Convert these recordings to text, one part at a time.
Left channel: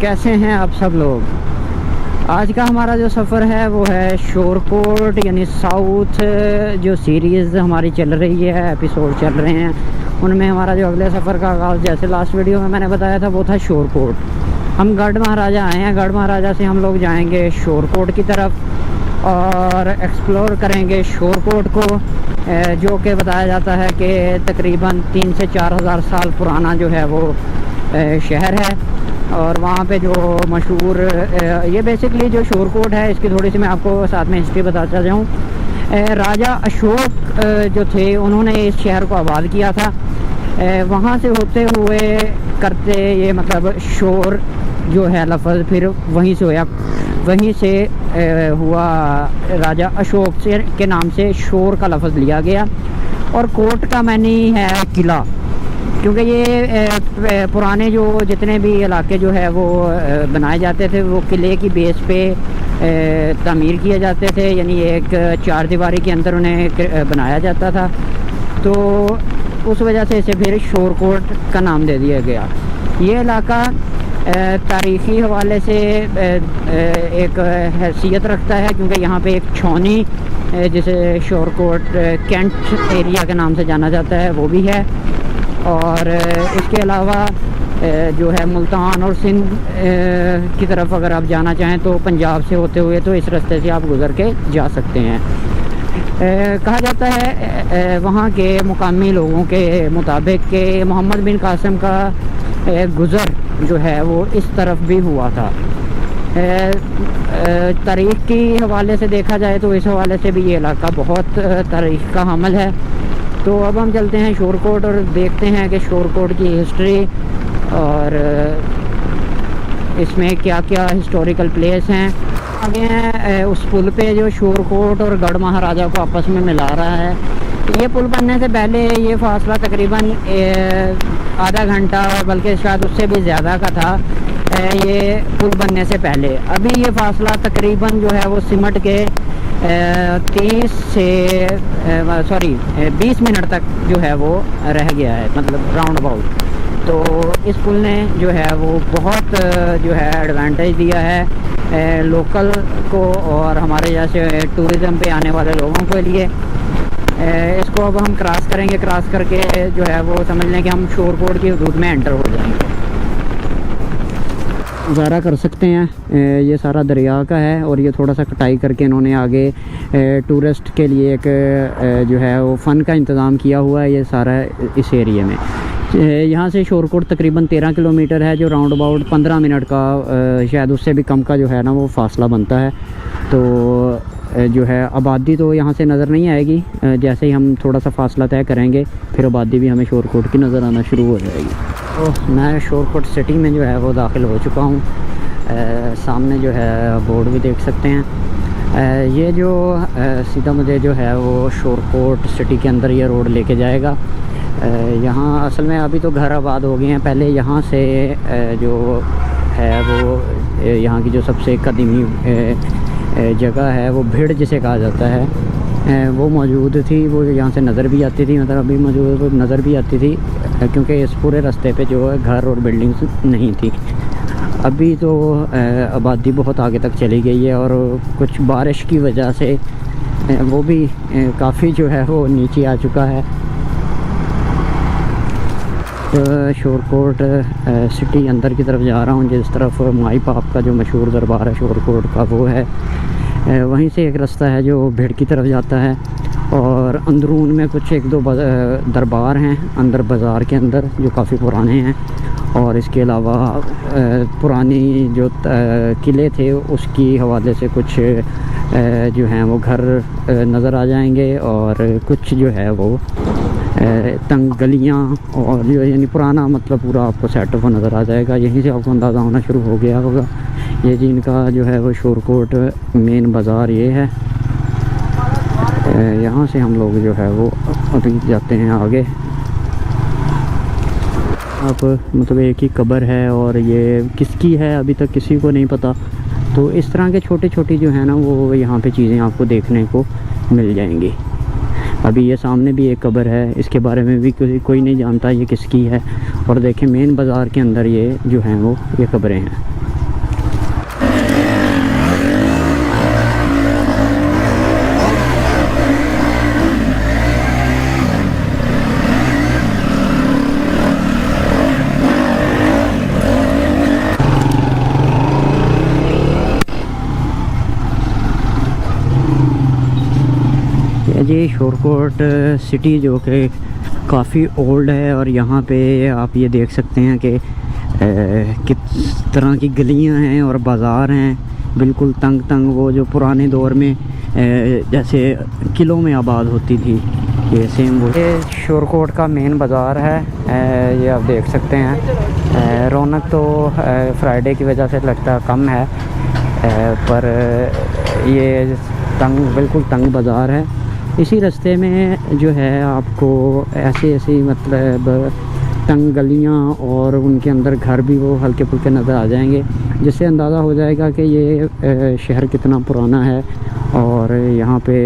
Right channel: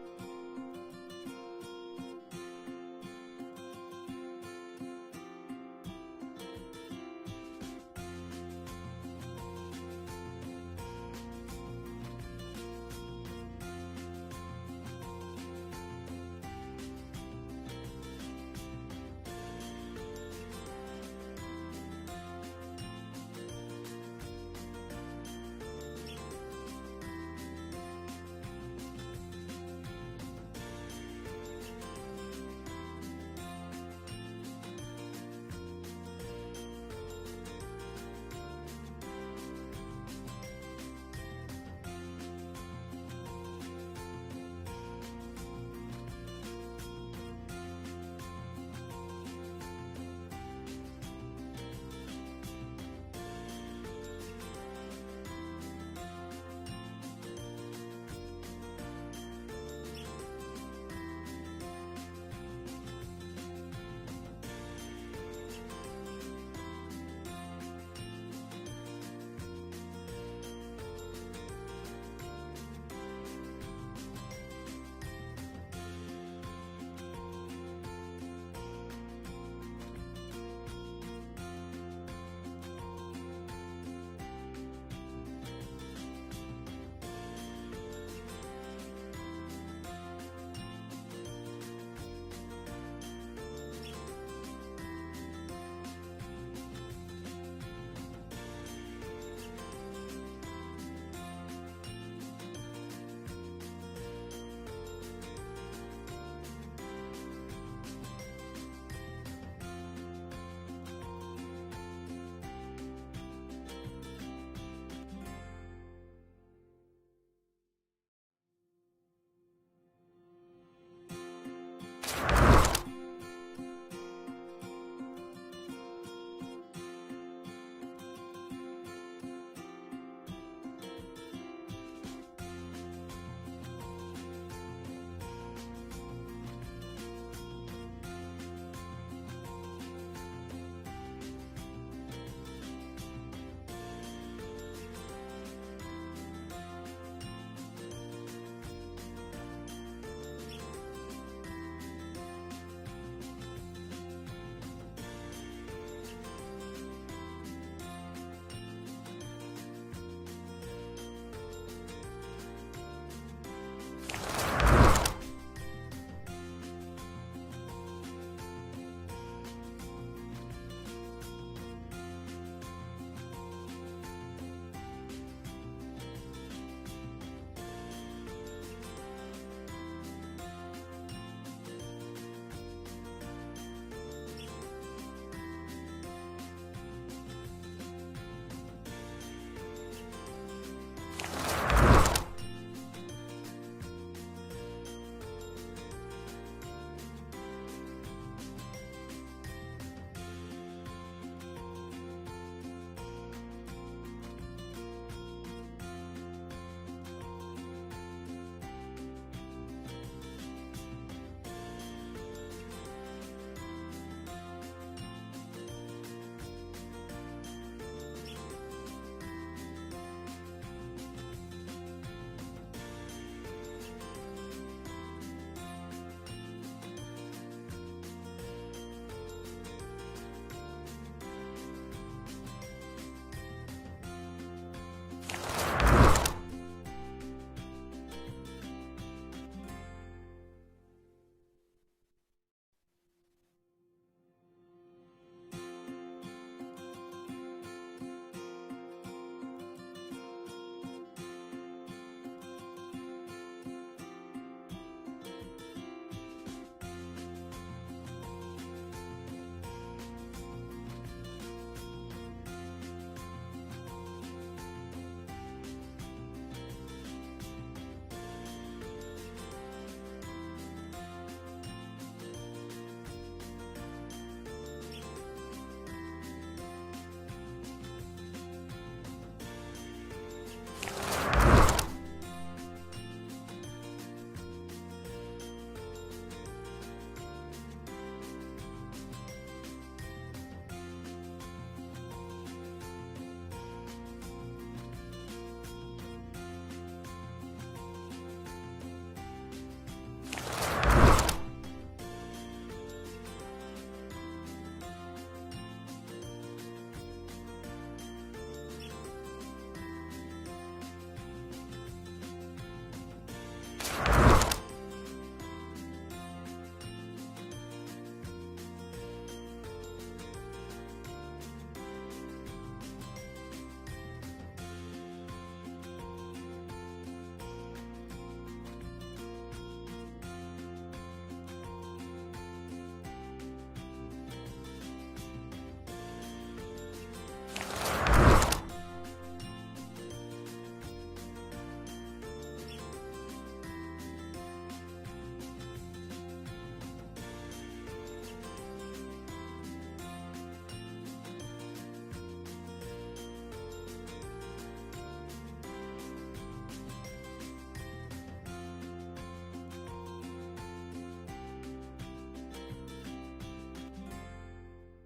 कैसे हैं आप सब लोग। आज का हमारा जो सफ़र है वो है शोरकोट यानी साउथ। जो सीरीज़ हमारी चल रही है, एपिसोड चल रहे हैं, उनमें हमारा जो अगले सफ़र का आगाज़, जैसे लास्ट वीडियो में मैंने बताया था, वो था शोरकोट। हम गढ़ महाराजा आए हैं, गढ़ महाराजा से हम लोग जाएंगे शोरकोट की तरफ और एक्सप्लोर करेंगे शोरकोट को, जो कि बताया जाता है कि तकरीबन 3 से 4 हज़ार साल पुराना जो है वो शहर है। और वहाँ पे जो मशहूर ये बेसिकली जो शोरकोट है, इसकी थोड़ी सी मैं आपको साथ में हिस्ट्री बताता जाऊँ। राजा अशोक जो थे, उन्होंने इस शहर को आबाद किया था। वहाँ से होते हुए करते ये मतलब शोर जो है लफ्ज़ फिर वहीं से हुआ राजा अशोक से के नाम से शोर का लफ्ज़ लिया गया। और कोट का मानी है किला, क्योंकि ये पुराने जो जितने भी इलाके जो है वो बनाए जाते थे वो किले की बेस पे तामीर किए जाते थे, यानी एक चार दीवारी के अंदर उन्हें बनाया जाता था। तो उस वजह से इसे फिर शोरकोट का नाम दे दिया गया। ये इलाका तारीख़ी हवाले से एक हैसियत रखता है, क्योंकि यहाँ पे एक छौनी जिसे शोरकोट कैंट एरिया के नाम से जाना जाता है वो भी है। और इसके अलावा जो है मुल्तान और सिंध की तरफ अगर आप जाना चाहें तो पंजाब से होते हुए तो इस रास्ते से आप गुज़र के जा सकते हैं। कहा जाता है वहाँ के मुकामी लोगों के मुताबिक कि मोहम्मद बिन कासिम का गुज़र जो है वो इस तरफ भी हुआ था। तारीख़ की हवाले से देखा जाए तो इस हवाले से भी ये इलाका बहुत तारीख़ का हामिल है। तो अब हम चलते हैं शोरकोट और देखते हैं कि शोरकोट की हिस्ट्री और इसमें क्या क्या हिस्टोरिकल प्लेस हैं। आगे हैं उस पुल पे जो शोरकोट और गढ़ महाराजा को आपस में मिला रहा है। ये पुल बनने से पहले ये फासला तकरीबन आधा घंटा, बल्कि शायद उससे भी ज़्यादा का था ये पुल बनने से पहले। अभी ये फासला तकरीबन जो है वो सिमट के 20 मिनट तक जो है वो रह गया है, मतलब राउंड अबाउट। तो इस पुल ने जो है वो बहुत जो है एडवांटेज दिया है लोकल को और हमारे जैसे टूरिज़म पे आने वाले लोगों के लिए। इसको अब हम क्रॉस करेंगे, क्रॉस करके जो है वो समझ लें कि हम शोरकोट की हदूद में एंटर हो जाएंगे। गुजारा कर सकते हैं ये सारा दरिया का है और ये थोड़ा सा कटाई करके इन्होंने आगे टूरिस्ट के लिए एक जो है वो फ़न का इंतज़ाम किया हुआ है ये सारा इस एरिए में। यहाँ से शोरकोट तकरीबन 13 किलोमीटर है, जो राउंड अबाउट 15 मिनट का शायद उससे भी कम का जो है ना वो फासला बनता है। तो जो है आबादी तो यहाँ से नज़र नहीं आएगी, जैसे ही हम थोड़ा सा फासला तय करेंगे फिर आबादी भी हमें शोरकोट की नज़र आना शुरू हो जाएगी। तो मैं शोरकोट सिटी में जो है वो दाखिल हो चुका हूँ। सामने जो है बोर्ड भी देख सकते हैं। ये जो सीधा मुझे जो है वो शोरकोट सिटी के अंदर ये रोड लेके जाएगा। यहाँ असल में अभी तो घर आबाद हो गए हैं, पहले यहाँ से जो है वो यहाँ की जो सबसे कदीमी जगह है वो भिड़ जिसे कहा जाता है वो मौजूद थी। वो यहाँ से नज़र भी आती थी, मतलब अभी मौजूद नज़र भी आती थी, क्योंकि इस पूरे रास्ते पे जो है घर और बिल्डिंग्स नहीं थी। अभी तो आबादी बहुत आगे तक चली गई है और कुछ बारिश की वजह से वो भी काफ़ी जो है वो नीचे आ चुका है। तो शोरकोट सिटी अंदर की तरफ जा रहा हूँ, जिस तरफ माई पाप का जो मशहूर दरबार है शोरकोट का वो है। वहीं से एक रास्ता है जो भिड़ की तरफ जाता है और अंदरून में कुछ एक दो दरबार हैं अंदर बाज़ार के अंदर जो काफ़ी पुराने हैं। और इसके अलावा पुरानी जो किले थे उसकी हवाले से कुछ जो हैं वो घर नज़र आ जाएंगे और कुछ जो है वो तंग गलियाँ और जो यानी पुराना मतलब पूरा आपको सेटअप नज़र आ जाएगा। यहीं से आपको अंदाज़ा होना शुरू हो गया होगा ये जी इनका जो है वो शोरकोट मेन बाज़ार ये है। यहाँ से हम लोग जो है वो अभी जाते हैं आगे। अब मतलब एक ही कब्र है और ये किसकी है अभी तक किसी को नहीं पता। तो इस तरह के छोटे छोटी जो है ना वो यहाँ पे चीज़ें आपको देखने को मिल जाएंगी। अभी ये सामने भी एक कब्र है, इसके बारे में भी कोई नहीं जानता ये किसकी है। और देखें मेन बाज़ार के अंदर ये जो हैं वो ये कब्रें हैं। जी शोरकोट सिटी जो कि काफ़ी ओल्ड है, और यहाँ पे आप ये देख सकते हैं कि किस तरह की गलियाँ हैं और बाज़ार हैं, बिल्कुल तंग तंग, वो जो पुराने दौर में जैसे किलों में आबाद होती थी, ये सेम वो। ये शोरकोट का मेन बाज़ार है, ये आप देख सकते हैं। रौनक तो फ्राइडे की वजह से लगता है कम है, पर ये बिल्कुल तंग बाज़ार है। इसी रास्ते में जो है आपको ऐसी मतलब तंग गलियां और उनके अंदर घर भी वो हल्के फुल्के नज़र आ जाएंगे, जिससे अंदाज़ा हो जाएगा कि ये शहर कितना पुराना है। और यहाँ पे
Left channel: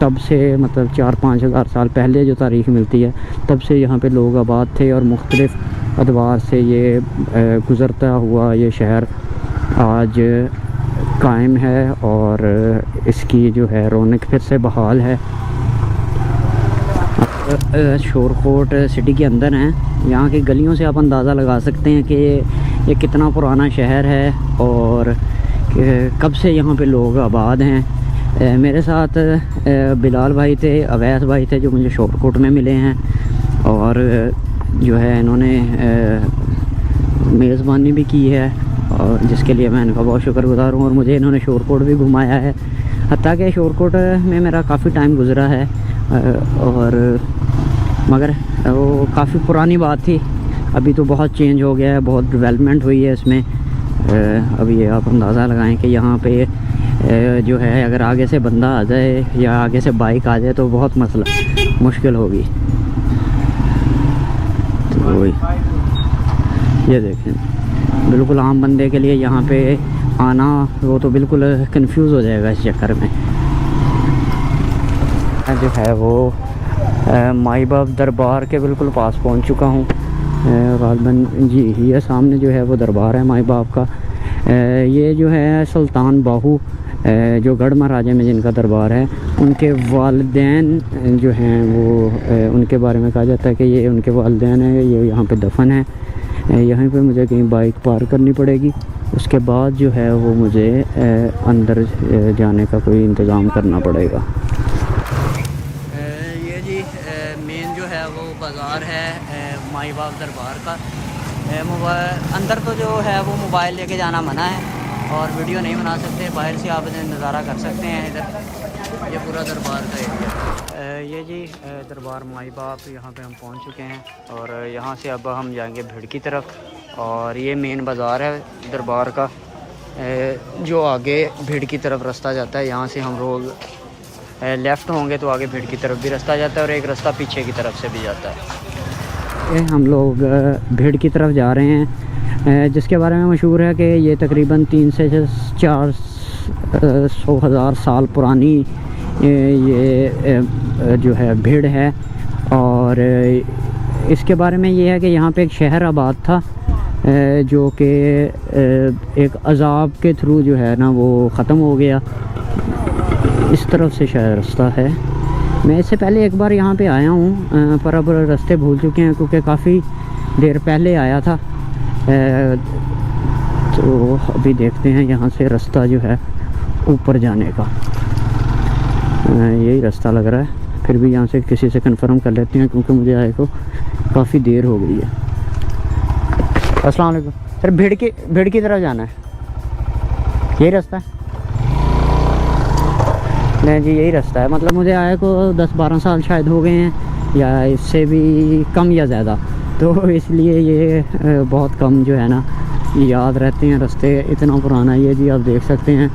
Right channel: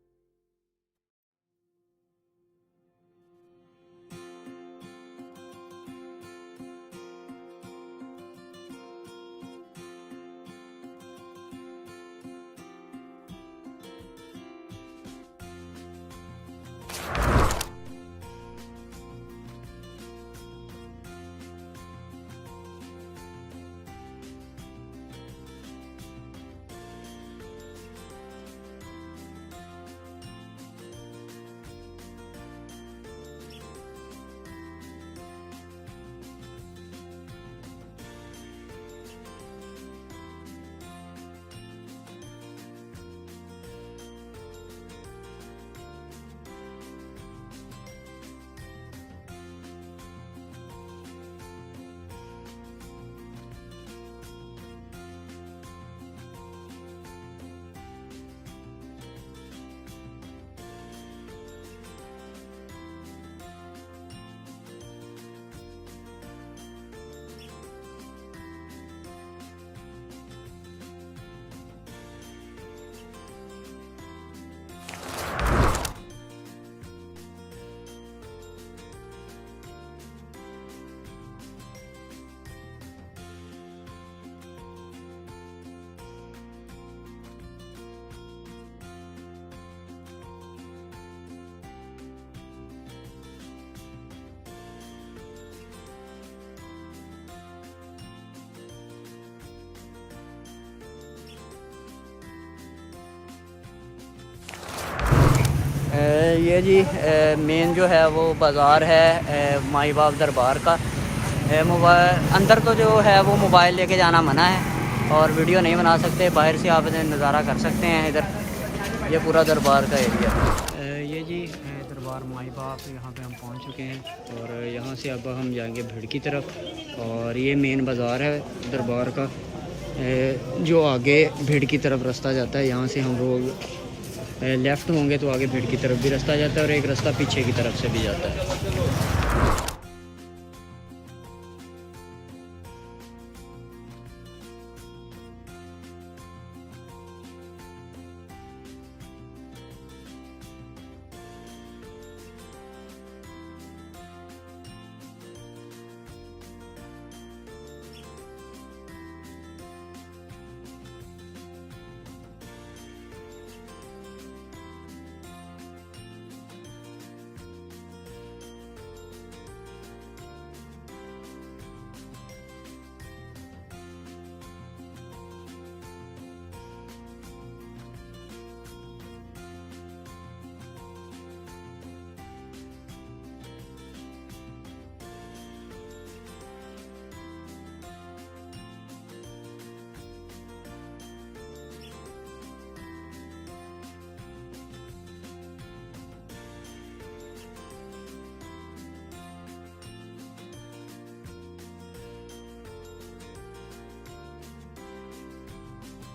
तब से मतलब 4-5 हज़ार साल पहले जो तारीख़ मिलती है, तब से यहाँ पे लोग आबाद थे, और मुख्तलिफ़ अदवार से ये गुज़रता हुआ ये शहर आज कायम है, और इसकी जो है रौनक फिर से बहाल है। शोरकोट सिटी के अंदर हैं, यहाँ की गलियों से आप अंदाज़ा लगा सकते हैं कि ये कितना पुराना शहर है और कब से यहाँ पे लोग आबाद हैं। मेरे साथ बिलाल भाई थे, अवैस भाई थे, जो मुझे शोरकोट में मिले हैं, और जो है इन्होंने मेज़बानी भी की है, और जिसके लिए मैं इनका बहुत शुक्रगुज़ार हूँ। और मुझे इन्होंने शोरकोट भी घुमाया है, हत्ता कि शोरकोट में मेरा काफ़ी टाइम गुज़रा है, और मगर वो काफ़ी पुरानी बात थी। अभी तो बहुत चेंज हो गया है, बहुत डेवलपमेंट हुई है इसमें। अभी ये आप अंदाज़ा लगाएं कि यहाँ पे जो है अगर आगे से बंदा आ जाए या आगे से बाइक आ जाए तो बहुत मुश्किल होगी। तो ये देखें, बिल्कुल आम बंदे के लिए यहाँ पे आना वो तो बिल्कुल कंफ्यूज हो जाएगा इस चक्कर में। जो है वो माई बाप दरबार के बिल्कुल पास पहुँच चुका हूँ। गालबन जी ये सामने जो है वो दरबार है माई बाप का। ये जो है सुल्तान बाहू जो गढ़ महाराजा में जिनका दरबार है, उनके वालिदैन जो हैं वो उनके बारे में कहा जाता है कि ये उनके वालिदैन हैं, ये यहाँ पे दफन है। यहाँ पे मुझे कहीं बाइक पार करनी पड़ेगी, उसके बाद जो है वो मुझे अंदर जाने का कोई इंतज़ाम करना पड़ेगा। ये जी मेन जो है वो बाज़ार है माई बाप दरबार का। अंदर तो जो है वो मोबाइल लेके जाना मना है और वीडियो नहीं बना सकते, बाहर से आप नज़ारा कर सकते हैं। इधर ये पूरा दरबार का एरिया। ये जी दरबार माई बाप, यहाँ पे हम पहुँच चुके हैं, और यहाँ से अब हम जाएंगे भीड़ की तरफ। और ये मेन बाज़ार है दरबार का, जो आगे भीड़ की तरफ रास्ता जाता है। यहाँ से हम रोड लेफ़्ट होंगे तो आगे भीड़ की तरफ भी रास्ता जाता है, और एक रास्ता पीछे की तरफ से भी जाता है। हम लोग भीड़ की तरफ जा रहे हैं, जिसके बारे में मशहूर है कि ये तकरीबन 3 से 400 हज़ार साल पुरानी ये जो है भीड़ है। और इसके बारे में ये है कि यहाँ पे एक शहर आबाद था, जो कि एक अज़ाब के थ्रू जो है ना वो ख़त्म हो गया। इस तरफ से शायद रास्ता है। मैं इससे पहले एक बार यहाँ पे आया हूँ, पर अब रास्ते भूल चुके हैं क्योंकि काफ़ी देर पहले आया था। तो अभी देखते हैं यहाँ से रास्ता जो है ऊपर जाने का, यही रास्ता लग रहा है। फिर भी यहाँ से किसी से कंफर्म कर लेते हैं क्योंकि मुझे आए को काफ़ी देर हो गई है। अस्सलाम वालेकुम सर, भीड़ की तरफ जाना है, यही रास्ता है? नहीं जी यही रास्ता है, मतलब मुझे आए को 10-12 साल शायद हो गए हैं, या इससे भी कम या ज़्यादा, तो इसलिए ये बहुत कम जो है ना याद रहते हैं रास्ते, इतना पुराना। ये जी आप देख सकते हैं,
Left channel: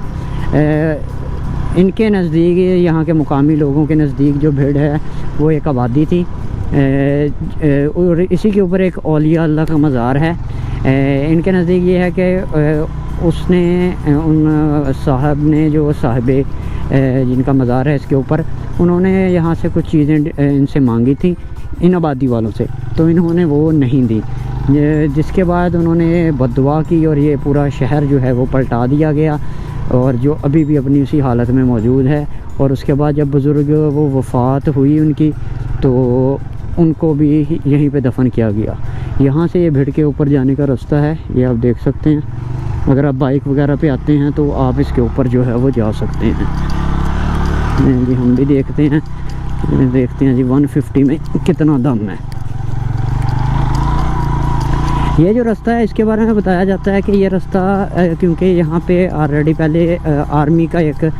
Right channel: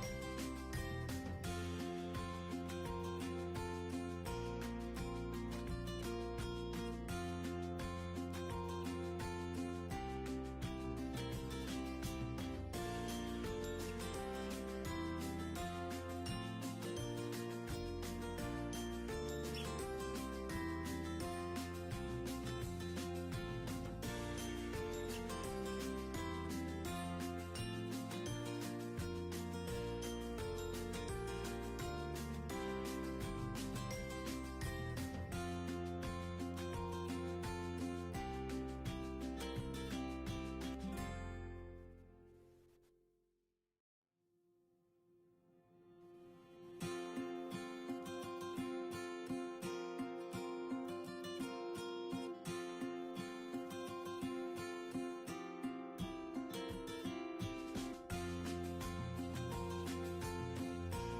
इनके नज़दीक, यहाँ के मुकामी लोगों के नज़दीक जो भीड़ है वो एक आबादी थी, और इसी के ऊपर एक औलिया अल्लाह का मज़ार है। इनके नज़दीक ये है कि उसने उन साहब ने, जो साहिबे जिनका मज़ार है इसके ऊपर, उन्होंने यहाँ से कुछ चीज़ें इनसे मांगी थी, इन आबादी वालों से, तो इन्होंने वो नहीं दी, जिसके बाद उन्होंने बद्दुआ की और ये पूरा शहर जो है वो पलटा दिया गया, और जो अभी भी अपनी उसी हालत में मौजूद है। और उसके बाद जब बुज़ुर्ग वो वफ़ात हुई उनकी, तो उनको भी यहीं पे दफन किया गया। यहाँ से ये भीड़ के ऊपर जाने का रास्ता है, ये आप देख सकते हैं। अगर आप बाइक वगैरह पे आते हैं तो आप इसके ऊपर जो है वो जा सकते हैं। जी हम भी देखते हैं देखते हैं जी 150 में कितना दम है। ये जो रास्ता है इसके बारे में बताया जाता है कि ये रास्ता क्योंकि यहाँ पे ऑलरेडी पहले आर्मी का एक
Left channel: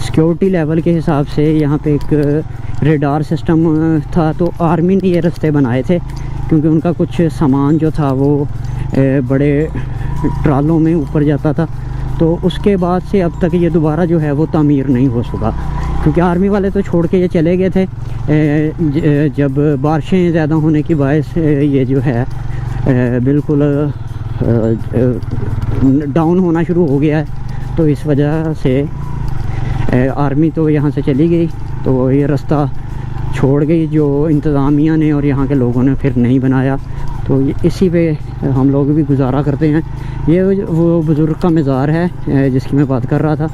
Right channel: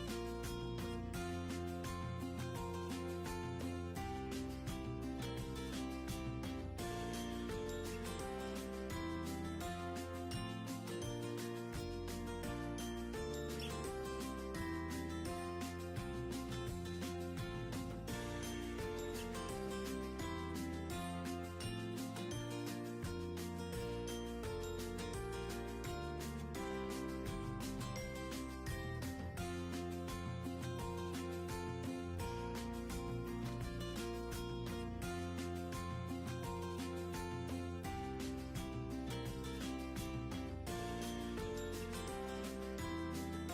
सिक्योरिटी लेवल के हिसाब से यहाँ पे एक रेडार सिस्टम था, तो आर्मी ने ये रास्ते बनाए थे क्योंकि उनका कुछ सामान जो था वो बड़े ट्रालों में ऊपर जाता था। तो उसके बाद से अब तक ये दोबारा जो है वो तामीर नहीं हो सका, क्योंकि आर्मी वाले तो छोड़ के ये चले गए थे। जब बारिशें ज़्यादा होने की बायस ये जो है बिल्कुल डाउन होना शुरू हो गया है, तो इस वजह से आर्मी तो यहाँ से चली गई, तो ये रास्ता छोड़ गई जो इंतज़ामिया ने और यहाँ के लोगों ने फिर नहीं बनाया। तो इसी पे हम लोग भी गुजारा करते हैं। ये वो बुज़ुर्ग का मज़ार है जिसकी मैं बात कर रहा था।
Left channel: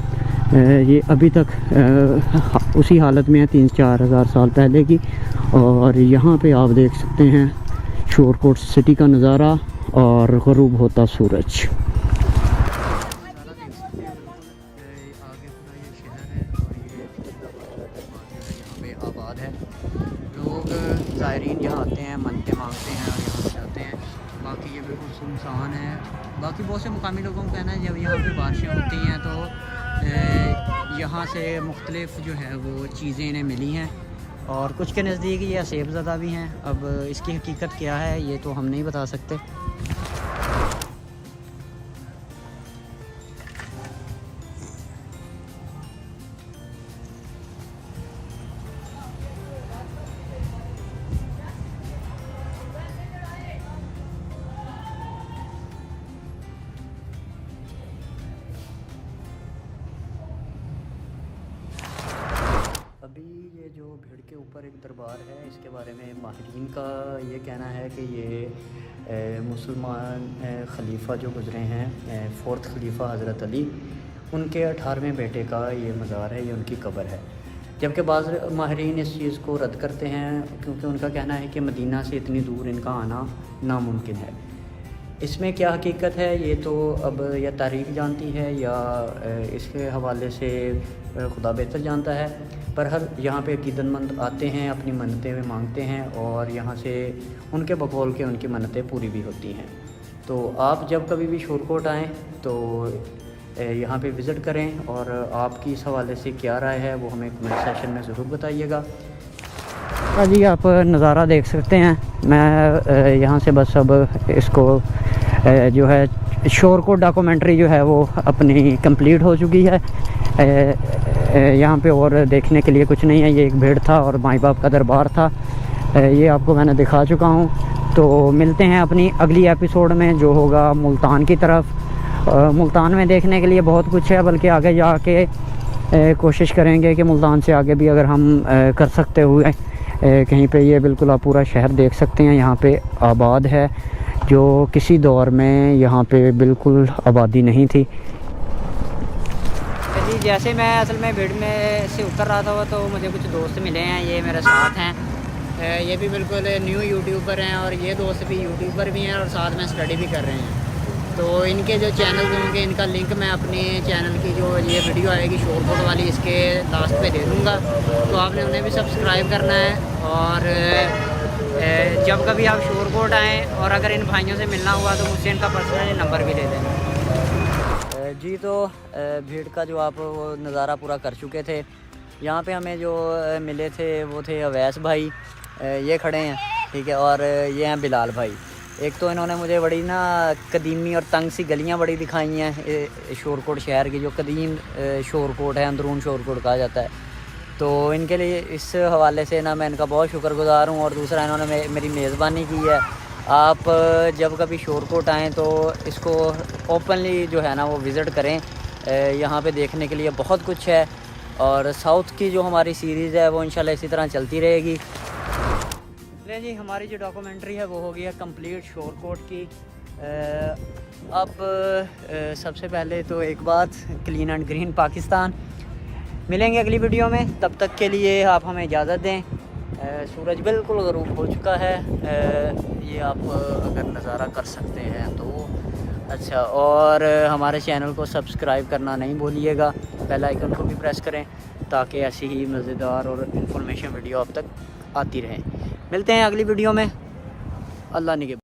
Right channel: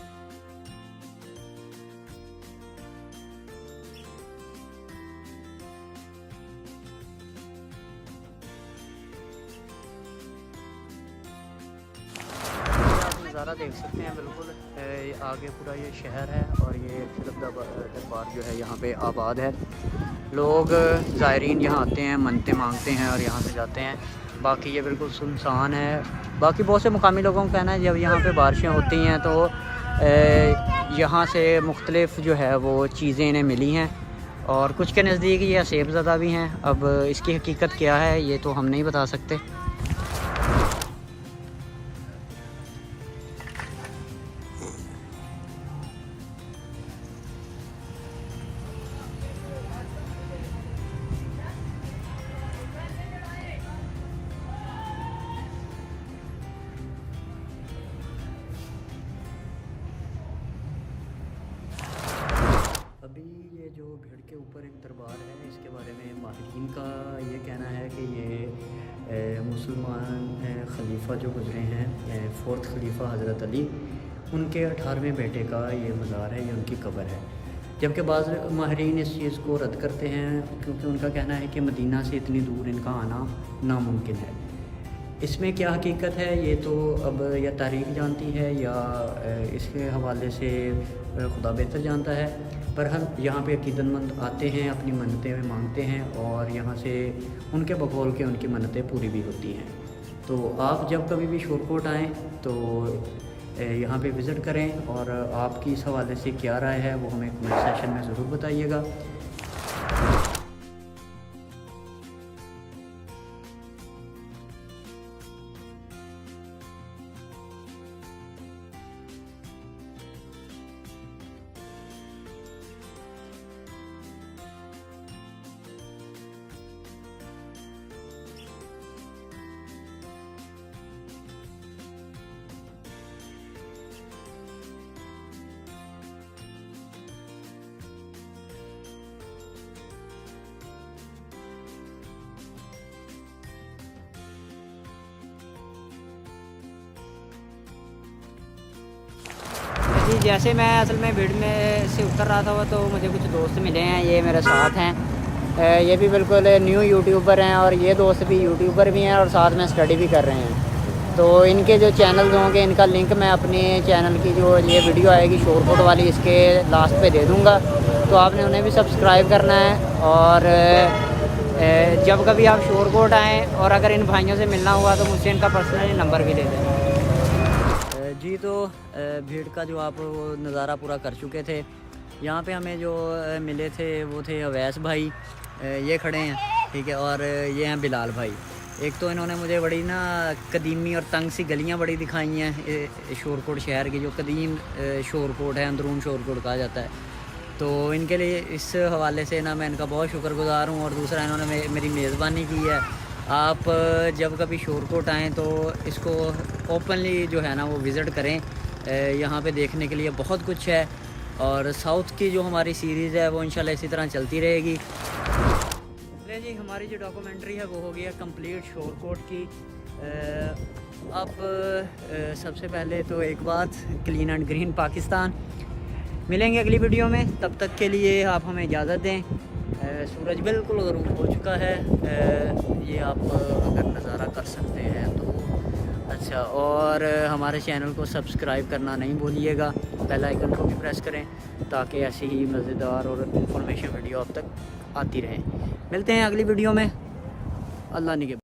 ये अभी तक उसी हालत में है 3-4 हज़ार साल पहले की। और यहाँ पे आप देख सकते हैं शोरकोट सिटी का नज़ारा और ग़ुरूब होता सूरज। नज़ारा देख सकते हैं बिल्कुल आगे पूरा ये शहर है और ये दरबार जो है यहाँ पे आबाद है। लोग ज़ायरीन यहाँ आते हैं, मन्नतें मांगते हैं और यहाँ से जाते हैं। बाकी ये बिल्कुल सुनसान है। बाकी बहुत से मुकामी लोगों का कहना है जब यहाँ पे बारिशें होती हैं तो यहाँ से मुख्तलिफ़ जो है वो चीज़ें इन्हें मिली हैं और कुछ के नज़दीक ये सेब ज़दा भी हैं। अब इसकी हकीकत क्या है ये तो हम नहीं बता सकते। अभी ये जो भीड़ के ऊपर एक दरबार है इसके बारे में माहिरीन का ये कहना है कि ये मुसलमान खलीफा जो गुज़रे हैं 4th खलीफा हज़रत अली उनके 18वें बेटे का ये मज़ार है, ये उनकी कब्र है। जबकि बाज़ माहिरीन इस चीज़ को रद्द करते हैं क्योंकि उनका कहना है कि मदीना से इतनी दूर इनका आना नामुमकिन है। इसमें क्या हकीकत है ये तो अब या तारीख़ जानती है या इसके हवाले से खुदा बेहतर जानता है। पर हर यहाँ पे अकीदतमंद आते हैं, अपनी मन्नतें मांगते हैं और यहाँ से उनके बकौल के उनकी मन्नतें पूरी भी होती हैं। तो आप जब कभी भी शोरकोट आएँ तो यहाँ पे विज़िट करें और आपकी इस हवाले से क्या राय है वो हमें कमेंट सेशन में ज़रूर बताइएगा। जी आप नज़ारा देख सकते हैं। मैं यहाँ से बस अब इसको जो है शोरकोट डॉक्यूमेंट्री जो है वो अपनी कंप्लीट हो चुकी है। यहाँ पे और देखने के लिए कुछ नहीं है। ये एक भीड़ था और माई बाप का दरबार था, ये आपको मैंने दिखा चुका हूँ। तो मिलते हैं अपनी अगली एपिसोड में जो होगा मुल्तान की तरफ। मुल्तान में देखने के लिए बहुत कुछ है, बल्कि आगे जाके कोशिश करेंगे कि मुल्तान से आगे भी अगर हम कर सकते हुए कहीं पे ये बिल्कुल आप पूरा शहर देख सकते हैं यहाँ पे आबाद है, जो किसी दौर में यहाँ पे बिल्कुल आबादी नहीं थी। जी जैसे मैं असल में भीड़ में से उतर रहा था तो मुझे कुछ दोस्त मिले हैं, ये मेरे साथ हैं। ये भी बिल्कुल न्यू यूट्यूबर हैं और ये दोस्त भी यूट्यूबर भी हैं और साथ में स्टडी भी कर रहे हैं। तो इनके जो चैनल्स होंगे इनका लिंक मैं अपने चैनल की जो ये वीडियो आएगी शोरकोट वाली इसके लास्ट पे दे दूँगा, तो आपने उन्हें भी सब्सक्राइब करना है। और जब कभी आप शोरकोट आएँ और अगर इन भाइयों से मिलना हुआ तो मुझसे इनका पर्सनली नंबर भी ले लेना। जी तो भीड़ का जो आप वो नज़ारा पूरा कर चुके थे। यहाँ पे हमें जो मिले थे वो थे अवैस भाई, ये खड़े हैं ठीक है, और ये हैं बिलाल भाई। एक तो इन्होंने मुझे बड़ी ना कदीमी और तंग सी गलियाँ बड़ी दिखाई हैं शोरकोट शहर की, जो कदीम शोरकोट है, अंदरून शोरकोट कहा जाता है। तो इनके लिए इस हवाले से ना मैं इनका बहुत शुक्रगुज़ार हूँ। और दूसरा इन्होंने मेरी मेज़बानी की है। आप जब कभी शोरकोट आएँ तो इसको ओपनली जो है ना वो विज़िट करें। यहाँ पे देखने के लिए बहुत कुछ है और साउथ की जो हमारी सीरीज़ है वो इंशाल्लाह इसी तरह चलती रहेगी। चलिए जी, हमारी जो डॉक्यूमेंट्री है वो हो गई है कंप्लीट शोरकोट की। अब सबसे पहले तो एक बात, क्लीन एंड ग्रीन पाकिस्तान। मिलेंगे अगली वीडियो में, तब तक के लिए आप हमें इजाज़त दें। सूरज बिल्कुल ग़रूब हो चुका है, ये आप अगर नज़ारा कर सकते हैं तो अच्छा। और हमारे चैनल को सब्सक्राइब करना नहीं भूलिएगा। बेल आइकन को भी प्रेस करें ताकि ऐसी ही मज़ेदार और इन्फॉर्मेशन वीडियो आप तक आती रहे। मिलते हैं अगली वीडियो में। अल्लाह निगहबान।